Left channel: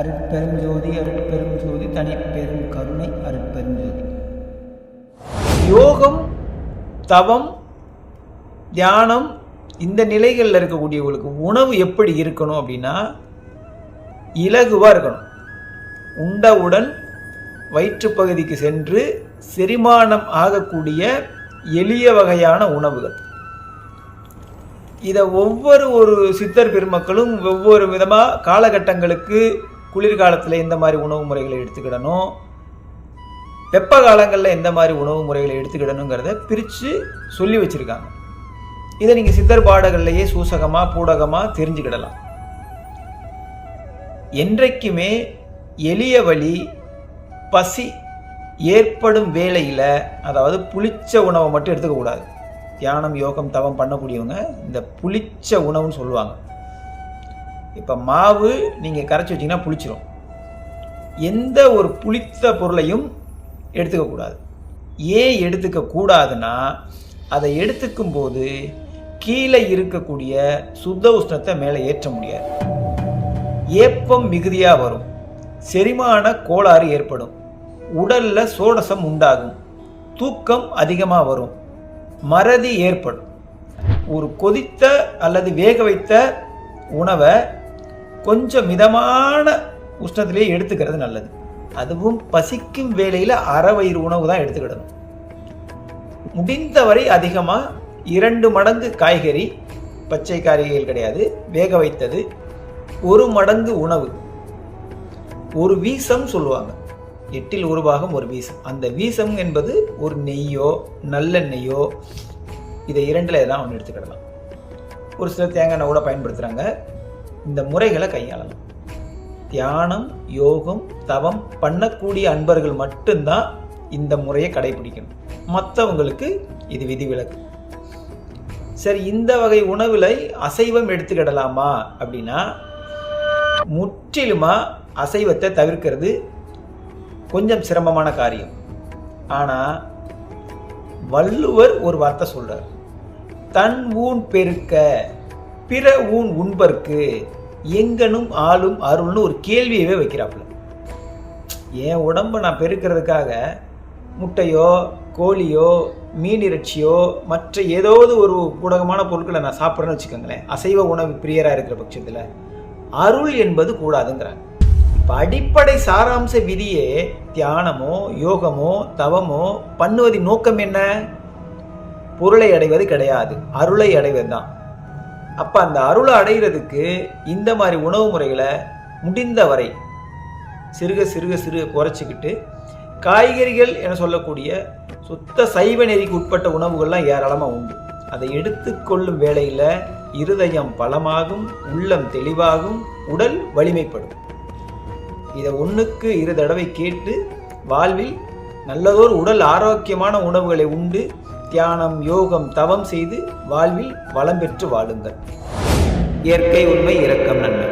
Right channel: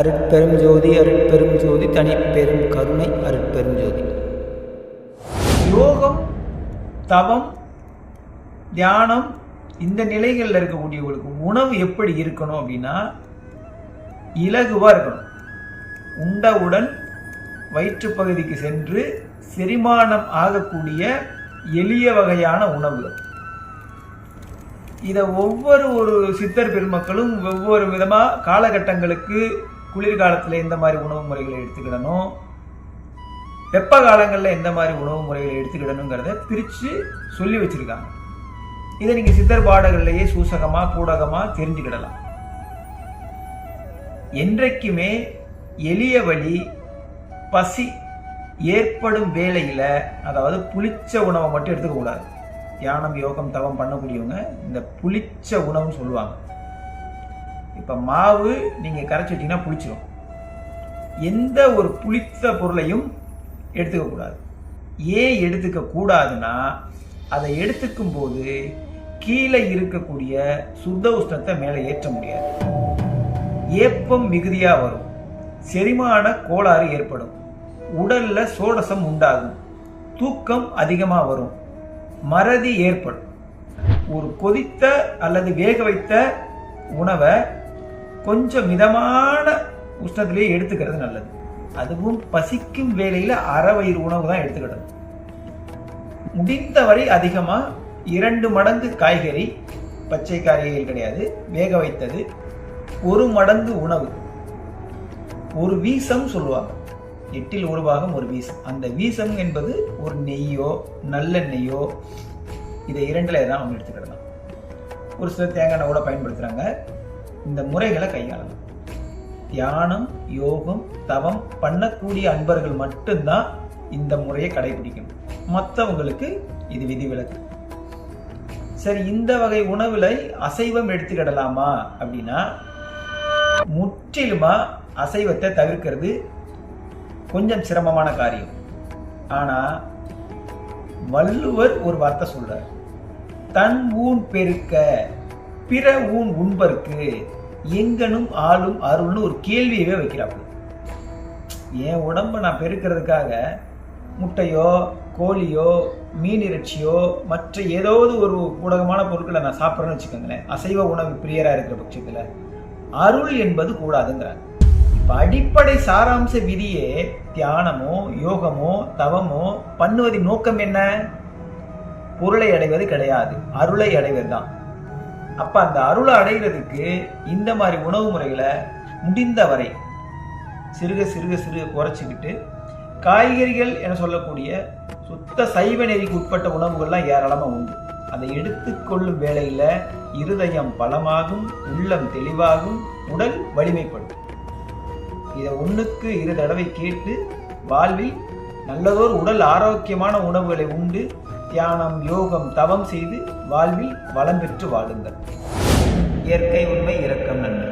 அருட்பெரும் ஜோதி அருட்பெரும் ஜோதி தனிப்பெரும் கருணை அருட்பெரும் ஜோதி. யோகம், தவம், தியானம் இந்த நிலைகளில் இருக்கக்கூடியவங்களுக்கு உணவு எப்படி இருக்கணும் அப்படின்னா இலகுவாக இருக்கணும். உண்டவுடன் வயிற்றுப்பகுதிக்கு சென்று செரிமானம் ஆகக்கூடிய எளிய வகையான உணவுகள். இதை ஒரு சித்தர் பெருமக்களும் ஒவ்வொரு விதமாக காலகட்டங்களுக்கு குளிர்காலத்தில் எந்த மாதிரி உணவு முறைகளை எடுத்துக்கிடணும், வெப்ப காலங்களில் எந்த மாதிரி உணவு முறைகளை எடுத்துக்கிடணுங்கிறத பிரித்து சொல்லி வச்சுருக்காங்க. இதை நீங்கள் சித்தர் பாடல்கள்லையே சூசகமாக பூடகமாக தெரிஞ்சுக்கிடலாம். என்றைக்குமே எளிய வழி பசி ஏற்படும் வேளையில், அதாவது புளிச்ச உணவை மட்டும் எடுத்துக்கக்கூடாது. தியானம், யோகம், தவம் பண்ணக்கூடியவங்க இந்த புளிச்ச உணவுன்னு சொல்லுவாங்க. இப்போ மாவு நீங்கள் கரைச்சி வச்சிங்கன்னா புளிச்சிடும். எந்த ஒரு புளித்த பொருளையும் எடுத்துக்கக்கூடாது. ஏன் எடுத்துக்கக்கூடாதுன்னா, அதை எடுத்துக்கும் போது கீழே இருக்கக்கூடிய சுத்த உஷ்ணத்தை மேலே ஏற்ற முடியாது. ஏப்பம் மிகுதியாக வரும், செரிமான கோளாறு ஏற்படும், உடல்ல சோடசம் உண்டாகும், தூக்கம் அதிகமாக வரும், மறதி ஏற்படும். ஒரு கொதித்த அல்லது வேக வைத்த உணவை கொஞ்சம் மிதமான உஷ்ணத்திலேயே எடுத்துக்கிறது நல்லது. அதுவும் பசிக்கும் வேளையில் அரை வயிறு உணவு தான் எடுத்துக்கிடணும். முடிந்தவரை அதிகமாக 2 மடங்கு காய்கறி, பச்சை காய்கறிகள் கிடையாது, வேக வைத்தது, 1 மடங்கு உணவு, ஒரு வீசம் சொல்லுவாங்க, 8ல் 1 பாகம் ஒரு வீசம். அந்த வீசம் என்பது ஒரு நெய்யோ நல்லெண்ணெய்யோ, இதை 2ல் எதாவது ஒன்று எடுத்துக்கிடலாம். ஒரு சிலர் தேங்காய் எண்ணெய் கூட பயன்படுத்துகிறாங்க. இந்த முறைகளை கையாளலாம். தியானம், யோகம், தவம் பண்ணக்கூடிய அன்பர்கள் மட்டும்தான் இந்த முறையை கடைபிடிக்கணும். மற்றவங்களுக்கு இது விதிவிலக்கு. சரி, இந்த வகை உணவுல அசைவம் எடுத்துக்கிடலாமா அப்படின்னா, முற்றிலுமா அசைவத்தை தவிர்க்கிறது கொஞ்சம் சிரமமான காரியம். ஆனா வள்ளுவர் ஒரு வார்த்தை சொல்றார், தன் ஊன் பெருக்க பிற ஊன் உண்பர்க்கு எங்கனும் ஆளும் அருள்னு ஒரு கேள்வியவே வைக்கிறாப்புல. என் உடம்பை நான் பெருக்கிறதுக்காக முட்டையோ கோழியோ மீன் இறைச்சியோ மற்ற ஏதாவது ஒரு ஊடகமான பொருட்களை நான் சாப்பிட்றேன்னு வச்சுக்கோங்களேன், அசைவ உணவு பிரியராக இருக்கிற பட்சத்தில் அருள் என்பது கூடாதுங்கிறாங்க. இப்போ அடிப்படை சாராம்ச விதியே தியானமோ யோகமோ தவமோ பண்ணுவதின் நோக்கம் என்ன? பொருளை அடைவது கிடையாது, அருளை அடைவது தான். அப்போ அந்த அருளை அடைகிறதுக்கு இந்த மாதிரி உணவு முறைகளை முடிந்தவரை சிறுக குறைச்சிக்கிட்டு, காய்கறிகள் என சொல்லக்கூடிய சுத்த சைவ நெறிக்கு உட்பட்ட உணவுகள்லாம் ஏராளமாக உண்டு. அதை எடுத்துக்கொள்ளும் வேளையில் இருதயம் பலமாகும், உள்ளம் தெளிவாகும், உடல் வலிமைப்படும். இதை 1க்கு 2 தடவை கேட்டு வாழ்வில் நல்லதோர் உடல் ஆரோக்கியமான உணவுகளை உண்டு தியானம், யோகம், தவம் செய்து வாழ்வில் வளம் பெற்று வாழுங்கள். இயற்கை உண்மை, இரக்கம், நன்மை.